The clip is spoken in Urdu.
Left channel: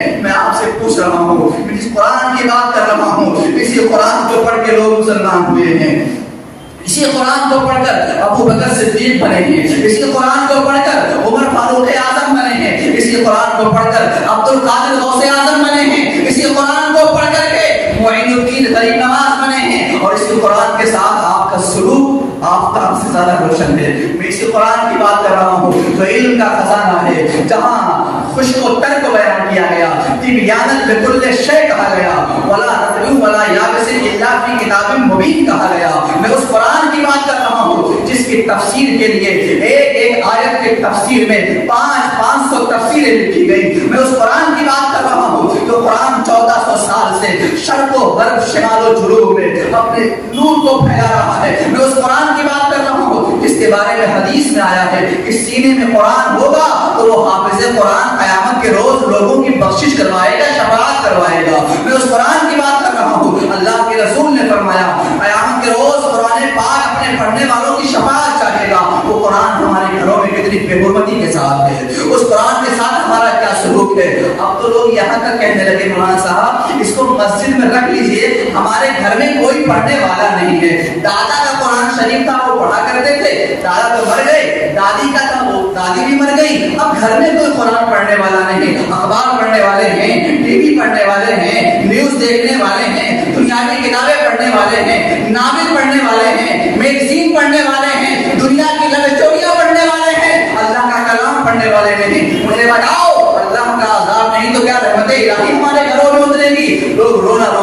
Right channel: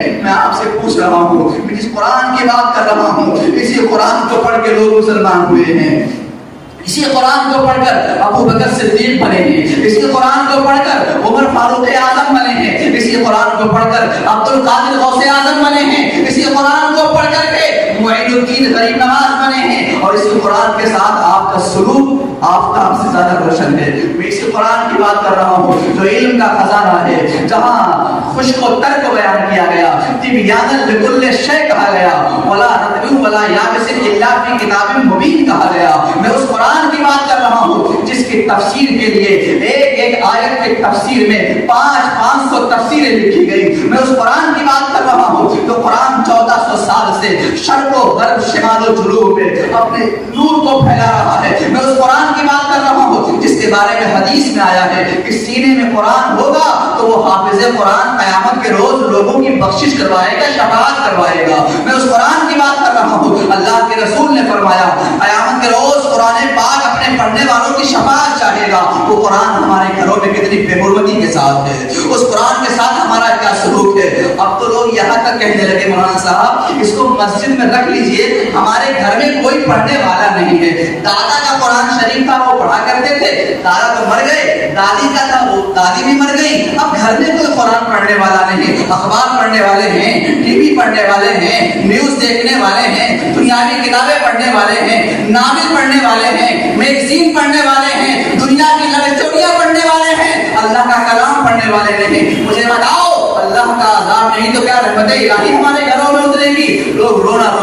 میں آپ سے پوچھ رہا ہوں، میں جس قرآن کی بات کر رہا ہوں، اسی قرآن کو پڑھ کے لوگ مسلمان ہوئے ہیں، اسی قرآن کو پڑھ کر ابو بکر صدیق بنے ہیں، اسی قرآن کو پڑھ کر عمر فاروق اعظم بنے ہیں، اسی قرآن کو پڑھ کر عبد القادر غوث اعظم بنے ہیں، اسی قرآن کو پڑھ کر کے معین الدین غریب نواز بنے ہیں، اور اسی قرآن کے ساتھ آپ کا سلوک آفتاب سے زیادہ روشن ہے۔ میں اسی قرآن کی بات کر رہا ہوں جو علم کا خزانہ ہے، جہاں خشک و تر کو بیان کیا گیا، تبیانا لکل شیء کہا گیا، ولا نطیع ولا یابس الا فی کتاب مبین کہا گیا۔ میں اس قرآن کی بات کر رہا ہوں جس کی تفسیر کے لیے ایک ایک آیت کے تفسیر میں 500 تفسیریں لکھی گئی۔ میں اس قرآن کی بات کر رہا ہوں جو قرآن 1400 سال سے شرق و غرب شمال و جنوب میں اپنے نور کو پھیلا رہا ہے۔ میں اس قرآن کی بات کر رہا ہوں جس کے بارے میں حدیث میں آیا ہے کہ سینے میں قرآن ہوگا تو وہ حافظ قرآن قیامت کے روز لوگوں کی بخشش کروائے گا، شفاعت کروائے گا۔ میں اس قرآن کی بات کر رہا ہوں، اللہ کے رسول نے فرمایا قیامت کے روز قرآن پاک اپنے پڑھنے والوں کی شفاعت چاہے گا۔ وہ قرآن ہمارے گھروں میں کتنی بے حرمتی کے ساتھ ہے، اس قرآن کے ساتھ ہمارا کیا سلوک ہے۔ اب تو لوگ یہاں تک کہنے لگے مولانا صاحب اس کو مسجد میں رکھ لیجئے، ہمارے گھر میں کوئی پڑھنے والا نہیں ہے۔ دادا کا قرآن شریف تھا وہ پڑھا کرتے تھے، دادا تو مر گئے، دادی کا تھا وہ دادی بھی مر گئی، اب گھر میں کوئی قرآن پڑھنے والا نہیں، اخبار پڑھنے والے ہیں، ٹی وی پڑھنے والے ہیں، نیوز دیکھنے والے ہیں، دنیاوی کتابیں پڑھنے والے ہیں، ناول پڑھنے والے ہیں، میگزین پڑھنے والے ہیں، دنیا کی لو اسٹوریاں پڑھنے والے ہیں، اللہ کا کلام پڑھنے والے نہیں۔ مجھے بتاؤ اللہ کا عذاب نہیں تو کیا رحمت الہی ہمارے گھروں میں اترے گی؟ لوگ رونا